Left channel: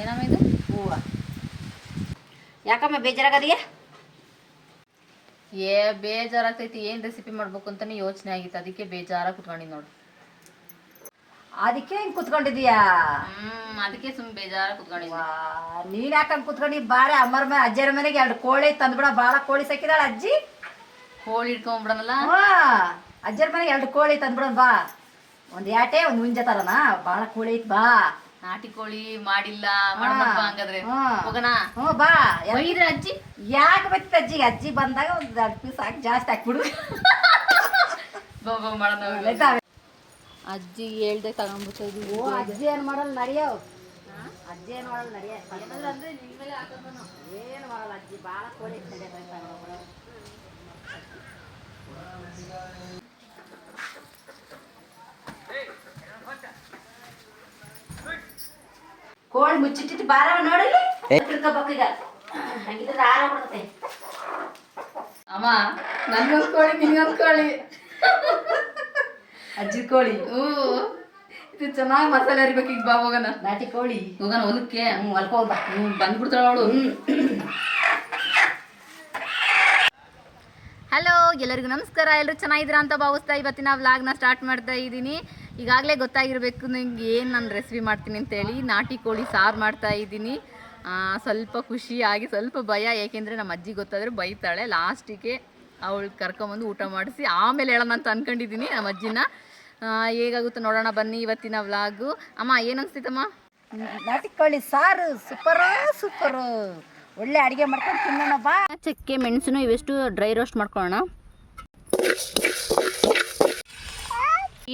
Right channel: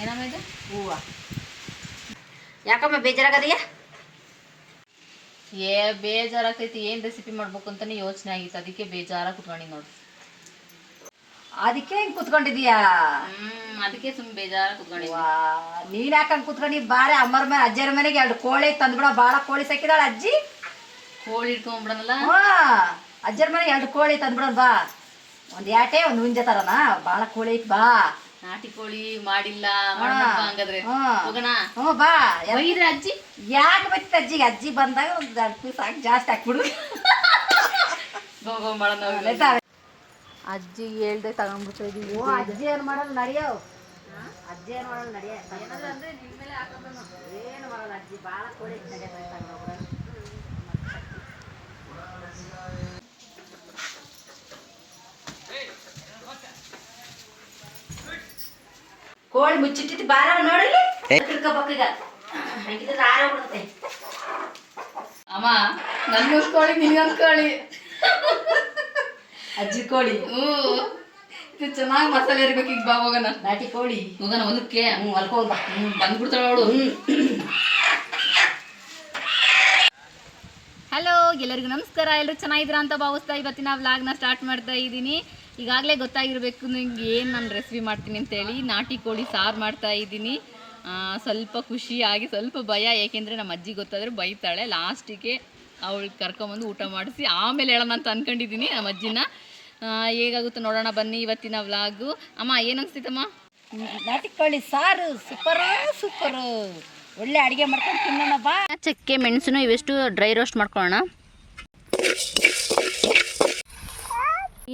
ಏನಮ್ಮ ಇದು? ಹೂವ. ಯಾಕಮ್ಮ ಬೇಜಾರಾಗದೀಯ? ಬೇಜಾರಾಗ್ತೈತಿ. ಏನು ರೆಸಿಪಿ ಮಾಡ್ಬೇಕು ಅಂತಾನೆ ಯೋಚನೆ ಆಗಿತ್ತು, ಅದಕ್ಕೆ ಬೇಜಾರಾಗಿ ಕುತ್ಕೊಂಡಿನಿ ನೋಡು. ಅದಕ್ಕೆ ಹಿಂಗೆ ಕುತ್ಕೊಂಡಿದೀಯಾ? ಅದಕ್ಕೆ ಸುಮ್ಮನೆ ಬೇಜಾರಾಗಿ ಕುತ್ಕೊಂಡಿದ್ವಾ. ನೀನು ಯಾಕಂಗೆ ಕುತ್ಕೊಂಡು ಬಾರೆ ಅಮ್ಮರ ಮೇಲೆ ಅಜ್ಜರ ಮನೆಗೆ 2 ಕೋಳಿ ತಂದ್ಬಿಡ. ಭಾಳ ಕೋಳಿ ಸಾಕಿದಾಳ ಅಜ್ಜಿ. ಕೋಳಿ ಇಟ್ಕೊಂಡ್ಬಿಡೋಣಲ್ಲ. ಅಜ್ಜರ ಮನೆಗೆ 2 ಕೋಳಿ ತಂದ್ಬಿಡೋಣ ಬಾ. ಒಂದು ಯಾಟೆ ಒಂದು ಹುಂಜ ತರನ. ಭಾಳ ಕೋಳಿ ಐತ್ ಬಾ. ನಾಟಿ ಕೋಳಿ ಮಾಡಿಲ್ಲ ಹಂಗಾದ್ರೆ ಹೋಗೋಣ. ಬಾ. ಒಯ್ದ್ರೆ ಅಜ್ಜಿ ಯಾಕೆ ಬರ್ತದೆ ಅಜ್ಜಿಗೆ? ಅಜ್ಜಿ ಬಂದಾಗ ಒಂದು 2 ಪೀಸ್ ಹಾಕಿ ಜಾಸ್ತಿ ಹಾಕ್ಬಿಡು. ಅಜ್ಜಿ ಹೇಳ್ದೆ ತಗೊಂಡ್ಬಿಡ್ತಾ ಇದೀವಿ. ಅಜ್ಜಿ ಏನು ಮಾಡಲ್ಲ ನಡಿಯೋ. ಅಜ್ಜಿ ಏನು ಮಾಡಲ್ಲ ನಡಿಯ. ಅಂದ್ರೆ ನಿನ್ ಮೇಲೆ ಹಾಕೋದನು ಏನು ಮಾಡಲ್ಲ ಅಜ್ಜಿ. ಭಾಳ ಕೋಳಿ ನಡೆಯತ್ತೆ. ಕೋಳಿ ಮುಚ್ಚಿಟ್ಟಿದ್ದು ಬಾರ ನೋಡಿ ತಿಳ್ಕೊಬೇಕೀಗ. ಹಂಗಿದ್ರೆ ಆರಾಗ್ಬಿಡುತ್ತೆ. ಅಮ್ಮ ನನ್ಗೊಂದು ಕೋಳಿ ನಿನ್ಗೊಂದು ಕೋಳಿ. ಅಜ್ಜಿ ಕೋಳಿ. ಇದು ಚೆನ್ನಾಗಿ ಮಸಾಲೆ ಇರ್ಬೇಕು. ಈಗ ಬಾ ಹೋಗೋಣ. ನಾಟಿ ಕೋಳಿ ಹೋಗೋಣ ಹೊಲಕ್ಕೆ. ಹೊಲ್ಕೊಂಡ ಬಂದ್ಬಿಡ್ತಾಳ ಅವಳು. ಹಲೋ, ಎಲ್ಲರಿಗೂ ನಮಸ್ಕಾರ. ಎಲ್ಲರೂ ಚೆನ್ನಾಗಿದ್ದೀರಾ ಅಂತ ಭಾವಿಸ್ತಾ ಇವತ್ತಿನ ವ್ಲಾಗ್ನ ಸ್ಟಾರ್ಟ್ ಮಾಡ್ತಾ ಇದ್ದೀನಿ. ಈಗಾಗಲೇ ಗೊತ್ತಾಗಿರಬೇಕು ನಿಂಗೆ ಏನು ನಾನು ರೆಸಿಪಿ ಮಾಡ್ತೀನಿ ಅಂತೇಳಿ. ನಾಟಿ ಕೋಳಿ ಸಾರು ಮಾಡ್ತಾ ಇದ್ದೀನಿ. ಸ್ವಲ್ಪ ಖುಷಿಯಾಗಿ ಸ್ವಲ್ಪ ಭಯ, ಏಕೆಂದರೆ ನಮ್ಮ ಅಜ್ಜಿ ಗೊತ್ತಾದರೆ ಬೈತಾಳೆ. ಲಾಸ್ಟಿಗೆ ಅವಳು ಕರ್ಕೊಂಬಂದು ಊಟ ಮಾಡಿಸಿ ಆಮೇಲೆ ಹೇಳೋಣ ಅಂತ ಅಂದ್ಕೊಂಡಿದ್ದೀನಿ ನಮ್ಮ ಅಜ್ಜಿನ. ಹೇಗಾಗುತ್ತೆ ನೋಡೋಣ ಬನ್ನಿ ಇವತ್ತಿನ ವ್ಲಾಗು. ಅಮ್ಮ ಏನು ಅನಿಸ್ತೈತಮ್ಮ? ನಾಟಿ ಕೋಳಿ ಸಾರು ಸೂಪರು. ಒಳ್ಳೆ ಅಡುಗೆ ಮಾಡ್ಕೊಂಡು ತಿನ್ನೋಣ ಬಾ. ಚಕ್ಕೆ ಮೆಣಸು ಇವೆಷ್ಟು ಡ್ರೈ ರೋಸ್ಟ್ ಮಾಡ್ಕೊಳ್ಳೋಣ.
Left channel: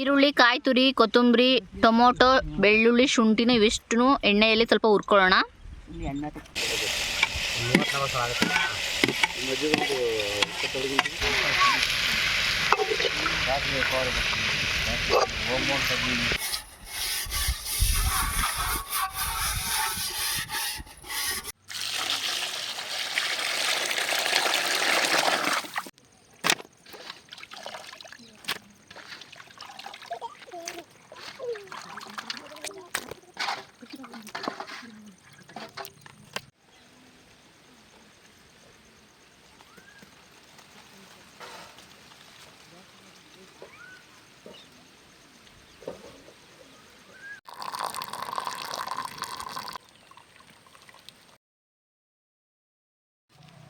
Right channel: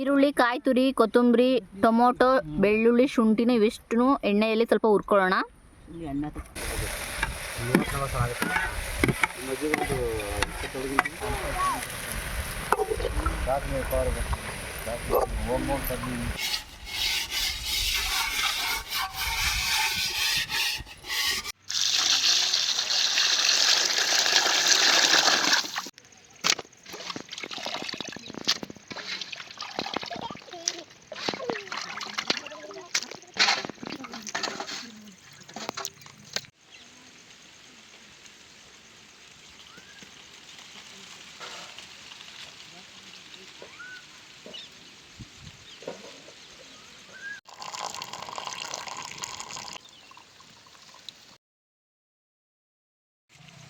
ಈರುಳ್ಳಿ, ಕಾಯಿ ತುರಿ, ಕೊತ್ತಂಬರಿ, ಟೊಮೊಟೊ, ಬೆಳ್ಳುಳ್ಳಿ, ಶುಂಠಿನ ಇವೆಷ್ಟು ಎಣ್ಣೆಯಲ್ಲಿ ಸ್ವಲ್ಪ ಹುರ್ಕೊಳ್ಳೋಣ.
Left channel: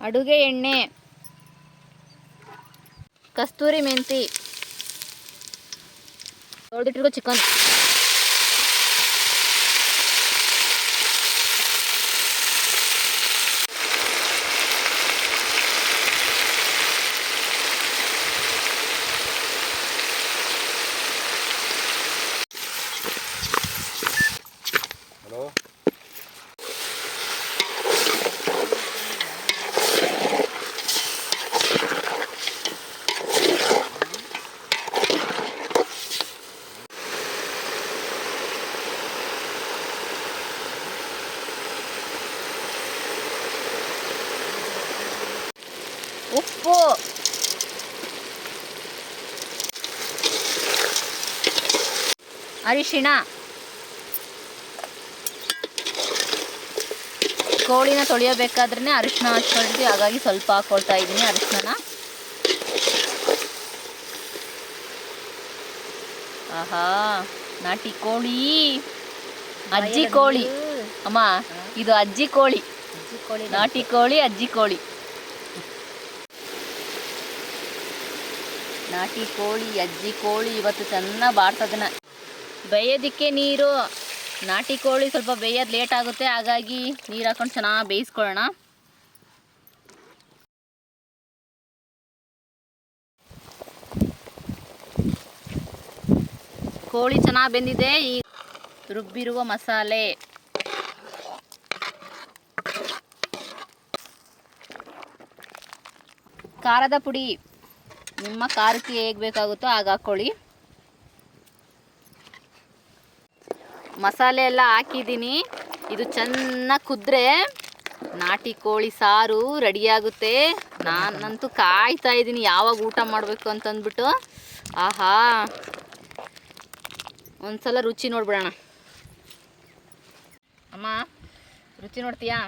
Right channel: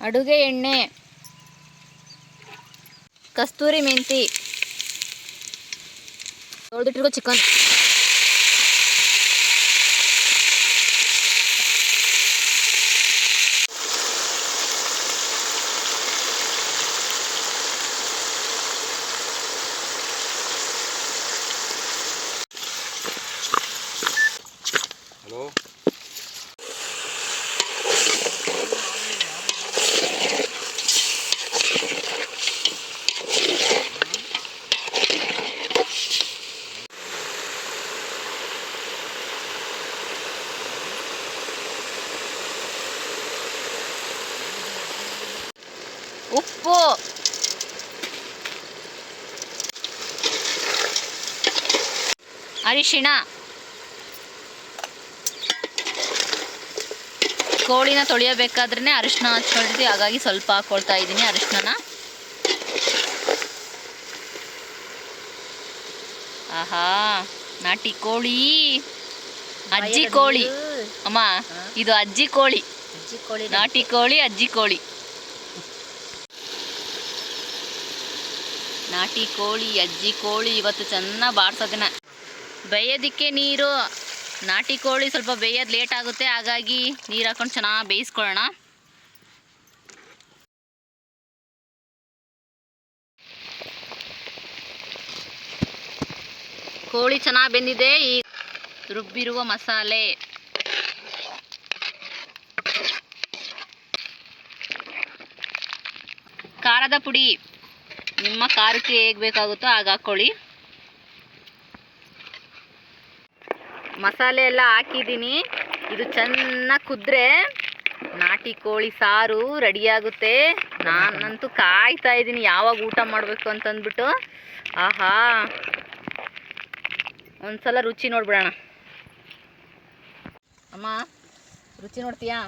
ಅಡುಗೆ ಎಣ್ಣೆ, ಕಸ್ತೂರಿ ಮೆಂತಿ, ತೊಳೆದಿಟ್ಟಿರೋ ಚಿಕನ್, ಉಪ್ಪು, ಅರಿಶಿಣ. ಕೋಳಿನ ತೊಳೆಯಬೇಕಾದ್ರೆ ಅರಿಶಿಣ ಹಚ್ಕೊಂಡಿದ್ವಿ, ಹಾಗಾಗಿ ಸ್ವಲ್ಪ ಹಾಕ್ಕೊಳ್ತಾ ಇದ್ದೀನಿ ಅರಿಶಿಣನ. ಆಹಾ, ನಾಟಿ ಕೋಳಿ, ಅಜ್ಜಿ ಕೋಳಿ. ಅಮ್ಮ ಇದು ಅಜ್ಜಿ ಕೋಳಿ, ನಾಟಿ ಕೋಳಿ, ಅಜ್ಜಿ ಕೋಳಿ. ನಾಟಿ ಕೋಳಿ, ಅಜ್ಜಿ ಕೋಳಿ ಇವತ್ತು ಚೆನ್ನಾಗಿ ಬಾಡ್ಸೋದನ್ನ. ಬೇಯೋದಕ್ಕೆ ನೀರು, ನಾಟಿ ಕೋಳಿ ಸ್ವಲ್ಪ ಬೇಯೋದು ಲೇಟ್ ಆಗುತ್ತೆ, ಹಾಗಾಗಿ ನೀರು ಹಾಕೊಂಡು ಚೆನ್ನಾಗಿ ಬೇಯಿಸ್ಕೊಳ್ಳೋಣ. ಕೋಳಿ ಚೆನ್ನಾಗಿ ಬೆಂದಿದೆ. ಈ ರುಬ್ಬಿರುವ ಮಸಾಲೆ, ಖಾರದ ಪುಡಿ, ನಿಮ್ಮ ಖಾರಕ್ಕೆ ಹೇಗೆ ಬೇಕಾಗುತ್ತೋ ಆಗ ಹಾಕ್ಕೊಳ್ಳಿ. ಮಸಾಲೆ ಎಲ್ಲ ಹಾಕಿದ್ದೀನಿ. ಇದು ಚೆನ್ನಾಗಿ ಕುದ್ರೆ ನಾಟಿ ಕೋಳಿ ಸಾರು ರೆಡಿಯಾಗುತ್ತೆ. ನಾನಂತೂ ಕಾಯ್ತಾ ಇದ್ದೀನಿ ಯಾವಾಗ ಊಟ ಮಾಡಬೇಕು ಅಂತಂದ್ಬಿಟ್ಟು. ಆಹಾ, ಒಂದ್ಸಲ ರುಚಿ ನೋಡ್ಬಿಡೋಣ. ಅಮ್ಮ ರುಚಿ ನೋಡ್ತೀಯಾ?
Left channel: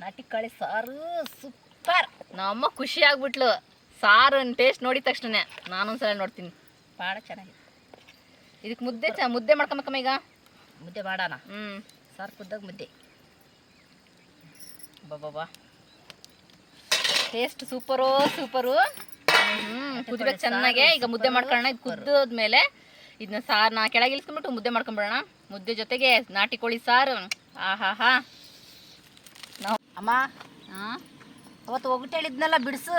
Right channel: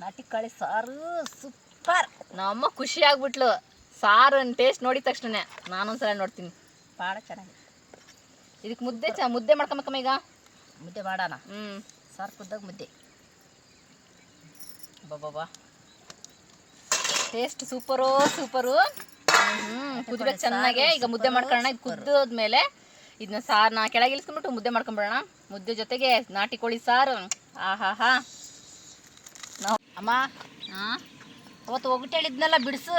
ನಾಟಿ ಕಾಳಿ ಸಾರು ಸೂಪರ್. ನಮ್ಮಮ್ಮ ಖುಷಿ ಆಗ್ಬಿಟ್ಲು ಸಾರು ಟೇಸ್ಟ್ ನೋಡಿದ ತಕ್ಷಣ. ನಾನೊಂದ್ಸಲ ನೋಡ್ತೀನಿ. ಭಾಳ ಚೆನ್ನಾಗಿದೆ. ಇದಕ್ಕೆ ಮುದ್ದೆ ಮಾಡ್ಕೊಂಬೇಕಮ್ಮ ಈಗ. ಮುದ್ದೆ ಮಾಡೋಣ. ಸಾರು ಕುದ್ದಾಗ ಮುದ್ದೆ. ಬಾಬಾ ಟೇಸ್ಟ್ ಸೂಪರು. ಕುದಿಬೇಕು ಚೆನ್ನಾಗೆ. ಈಗ ಮುದ್ದೆ ಮಾಡ್ಕೊಳ್ಳೋಣ. ಇದು ಕುದ್ದೋದ್ಮೇಲೆ ಇದನ್ನ ಸಾರನ್ನ ಕೆಳಗೆ ಇಳಿಸ್ಕೊಂಡ್ಬಿಟ್ಟು ಮುದ್ದೆ ಮಾಡ್ಕೊಂಬಿಡೋಣ. ಮುದ್ದೆ ಜೊತೆಗೆ ನಾಟಿ ಕೋಳಿ ಸಾರು. ಆಹಾ ಅಮ್ಮ ಅವತ್ತು ಒಗಟು ಹೇಳಿದ್ನಲ್ಲ ಬಿಡಿಸು.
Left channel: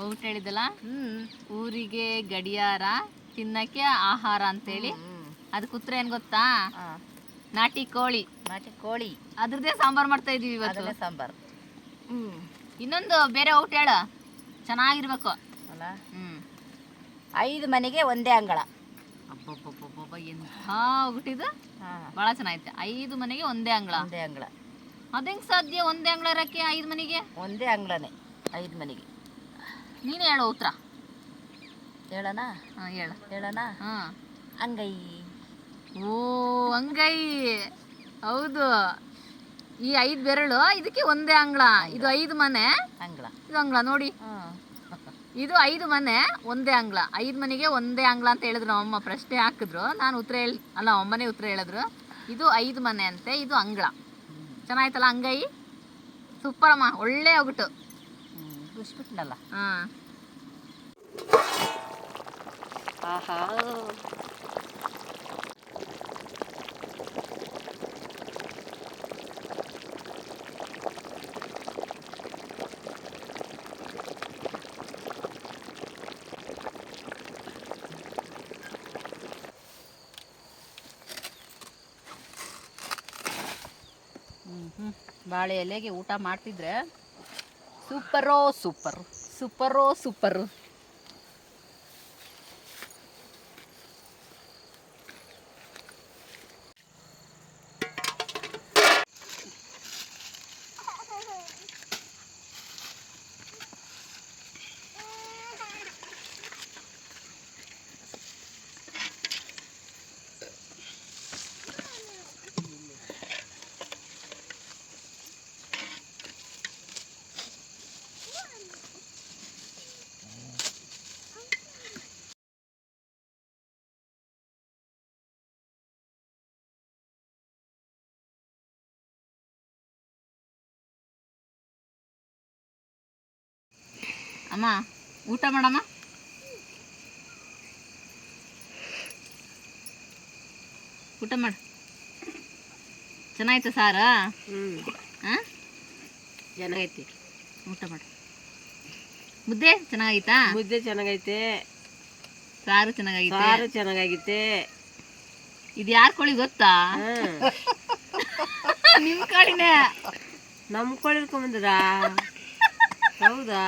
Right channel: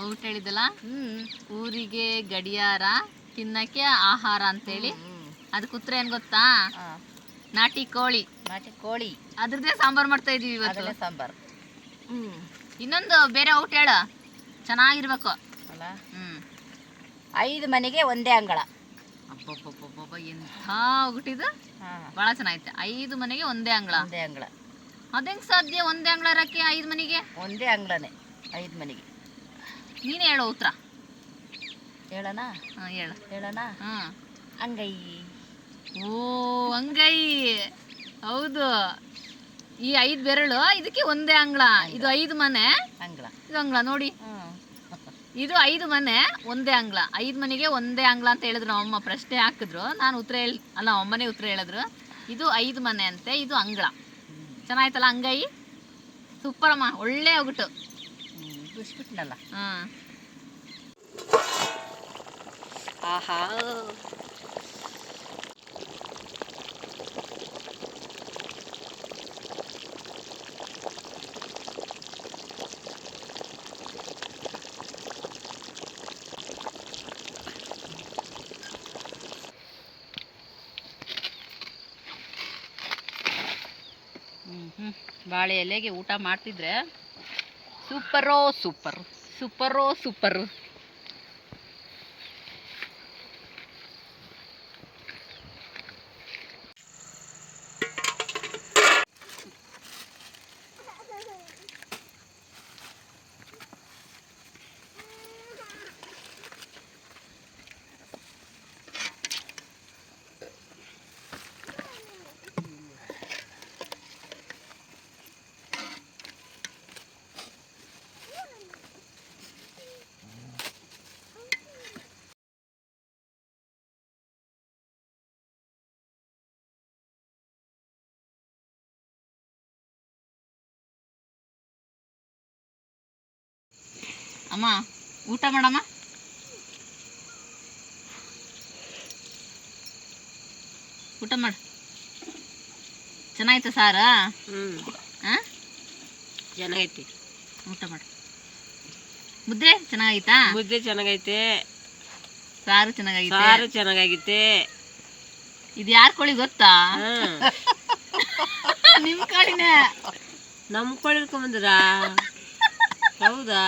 ಒಗಟು ಹೇಳಿದ್ದಲ್ಲ, ಊರಿಗೆ ಗಡಿಯಾರ ತಿನ್ನಕ್ಕೆ ಆಹಾರ ಅಂತೇಳಿ. ಅದಕ್ಕೆ ಉತ್ತರ ಏನು ಗೊತ್ತಾ? ನಾಟಿ ಕೋಳಿ. ಅದ್ರದ್ದೇ ಸಾಂಬಾರು ಮಾಡ್ತಾ ಇದೀವಿ ಇವತ್ತು. ಸಾಂಬಾರು. ಇನ್ನೊಂದು ಬೇರೆ ಔಟ್ ಹೇಳ, ಚೆನ್ನಾಗಿರ್ಬೇಕು ಅಲ್ಲ. 5 ಮನೆಗೆ ಒಂದೇ ಅಂಗಳ. ಅಬ್ಬಬ್ಬಬ್ಬಬ್ಬ ಎಂಥ ಒಗಟಿದು. ಭಾಳ ಚೆನ್ನಾಗೈತೆ. 5 ಮನೆಗೆ ಒಂದೇ ಅಂಗಳ. ಅದೇಂಗ್ ಸಾಧ್ಯ? ಒಂದೇ ಅಂಗಳ ಇರಕ್ಕೆ 5 ಮನೆಗೆ? ಒಂದೇ ಅಂಗಳನೇ 5 ಮನೆಗೆ. ನೀನು ಹೇಳೋ ಉತ್ತರ. ಹೇಳೋಣ. ಅಂಗೈ. ಓ ಅಂಗೈ. ಹೌದು. ಈ 5 ಬೆರಳು ಇದಕ್ಕೆ ಒಂದೇ ಅಂಗಳ. ಇದು 5 ಮನೆ ಅಂಗಳ. ಇದು ಅಂಗಳ ನೋಡಿ. ಇದು 5 ಮನೆ ಒಂದೇ ಅಂಗಳ. 5 ಮನೆಗೆ ಒಂದೇ ಅಂಗಳ ಅಂತ ಹೇಳಿದ್ರು ನಮ್ಮಮ್ಮ. ಪ್ರಶ್ನೆ ಹಾಕಿದ್ರು, ನಾನು ಉತ್ತರ ಅಲ್ಲ ಅಮ್ಮನೇ ಉತ್ತರ ಹೇಳಿದ್ರು. ಇದು 5 ಮನೆ ಅಂತೆ, ಇದು ಅಂಗಳ. ಚೆನ್ನಾಯ್ತಲ್ಲ ಅಂಗೈ? ಸೂಪರ್ ಅಮ್ಮ, ಒಳ್ಳೆ ಒಗಟು. ಬಿಡಿಸ್ಬಿಟ್ನಲ್ಲ. ಆಹಾ ಬಾಳೆ ಎಲೆಗೆ ಊಟ ಮಾಡ್ತಿದ್ರೆ ಸೂಪರು. ಅಮ್ಮ ಊಟ ಮಾಡಮ್ಮ. ಊಟ ಮಾಡು. ಚೆನ್ನಾಯ್ತು ಸಾರ? ಚೆನ್ನಾಗೈತಿ. ಊಟ ಮಾಡು. ಮುದ್ದೆ ಚೆನ್ನಾಗೈತಾ? ಮುದ್ದೆ ಚೆನ್ನಾಗೈತೆ. ಸಾರು ಚೆನ್ನಾಗೈತೆ. ಇದು ಯಾರ ಕೋಳಿ ಗೊತ್ತಾ? ನಿಮ್ ಕೋಳಿನೇ. ನಮ್ಮ ಕೋಳಿ ಹಿಡ್ಕೊಂಬಂದ್ರ? ಹೌದಾ?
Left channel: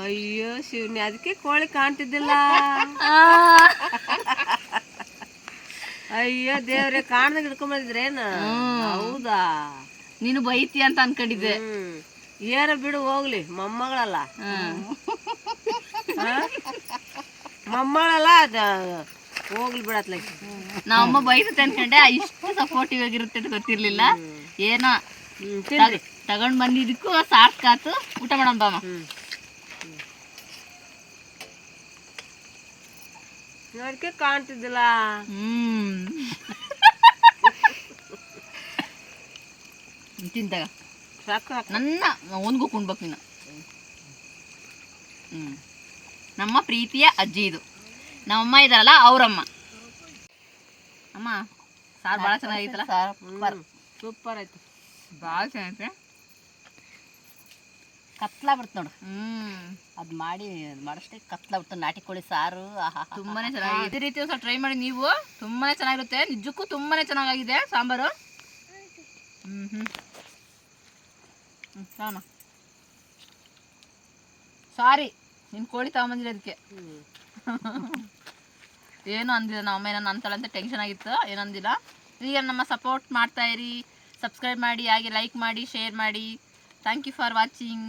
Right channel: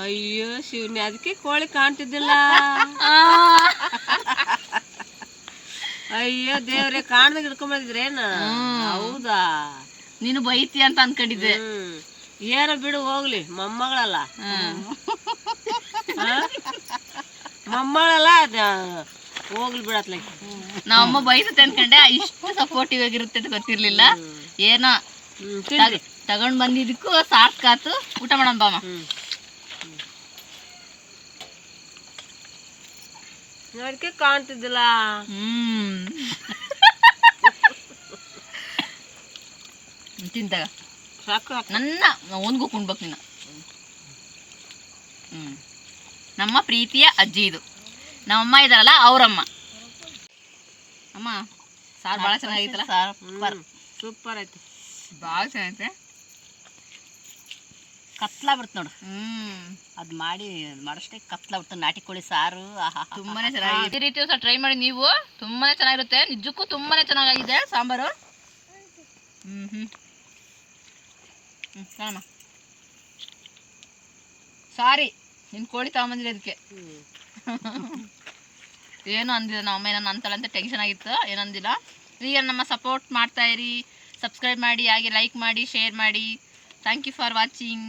ಅಯ್ಯೋ ಶಿವನಿ, ಅದಕ್ಕೆ ಕೋಳಿ ಕಾಣ್ತಿದ್ದಿಲ್ಲ. ಅಯ್ಯೋ ದೇವ್ರೆ, ಕಾಣ್ದಾಗ ಹಿಡ್ಕೊಂಬಂದಿದ್ರೇನು? ಹೌದಾ? ನೀನು ಬೈತಿ ಅಂತ ಅನ್ಕೊಂಡಿದ್ದೆ. ಏನ ಬಿಡು ಹೋಗ್ಲಿ, ಮೊಮ್ಮಗಳಲ್ಲ. ಮೊಮ್ಮಗಳಲ್ಲ, ಹೋಗ್ಲಿ ಬಿಡತ್ಲ. ನಮ್ಮಮ್ಮ ಬೈತತೆ ಅನ್ಕೊಂಡೆ. ಇಷ್ಟು ಸಪೋರ್ಟಿವ್ ಆಗಿರುತ್ತೆ ಅಂತ ಗೊತ್ತಿರ್ಲಿಲ್ಲ. ಏನೋ ತಗೊಂಡ್ ಬಂದಿದ್ದಕ್ಕೂ ಸಾಕಾತು. ಊಟ ಮಾಡಮ್ಮ ಬಾಮ. ಅದಕ್ಕೆ ಕಾಣ್ತಿದ್ದಿಲ್ಲ. ತಿಂತಾಗ ಸಾಕು. ನನ್ನ ಒಂದ್ಗೂ ಕುಣ್ಬೇಕು ನೀನು. ನಮ್ಮ ಪ್ರೀತಿಯ ಅಜ್ಜಿ ಇದು. ನಮ್ಮಮ್ಮ ಇದಾರಲ್ಲ ಅವರಮ್ಮ. ಅಮ್ಮ ಸಾರು ಭಾಳ ಚೆನ್ನಾಗಿತ್ತಲ್ಲ? ಸೂಪರ್ ಐತಿ. ಭಾಳ ಚೆನ್ನಾಗೈತೆ. ಕತ್ಲಾ ಬಿಡ್ತು ನೋಡು. ಅದು ಮಾಡಷ್ಟೇ ಕತ್ಲಾ ಬಿಡ್ತು. ನಾಟಿ ಕೋಳಿ ಸಾರು ತುಂಬಾನೇ ಚೆನ್ನಾಗಿದೆ. ಇದೇ ರೀತಿ ಸಹ ಟ್ರೈ ಮಾಡಿ ನೀವು. ತುಂಬಾನೇ ಚೆನ್ನಾಗಿರುತ್ತೆ. ನಿಜಕ್ಕೂ ತುಂಬಾನೇ ಚೆನ್ನಾಗಿದೆ ಸಾಂಬಾರು. ಕಾಣಮ್ಮ. ಸಾರಿ ನಿನ್ನ ಕೋಳಿ ತಗೊಂಬಂದಿಲ್ಲ ಅದಕ್ಕೆ. ಏನು ಅಂದಿಲ್ಲ ನಮ್ಮ ಏನೋ ಅಂತಲ್ಲ ಅಂತ ಟೆನ್ಷನ್ ಆಗಿತ್ತು. ಏನಂದಿಲ್ಲ. ಈಗ ನಮ್ಮ ಸಪೋರ್ಟ್ ಮಾಡ್ತಾ ಇರಿ. ಸಬ್ಸ್ಕ್ರೈಬ್ ಮಾಡಿ, ಹಾಗೆ ಲೈಕ್ ಮಾಡಿ, ಶೇರ್ ಮಾಡಿ. Thank you for watching.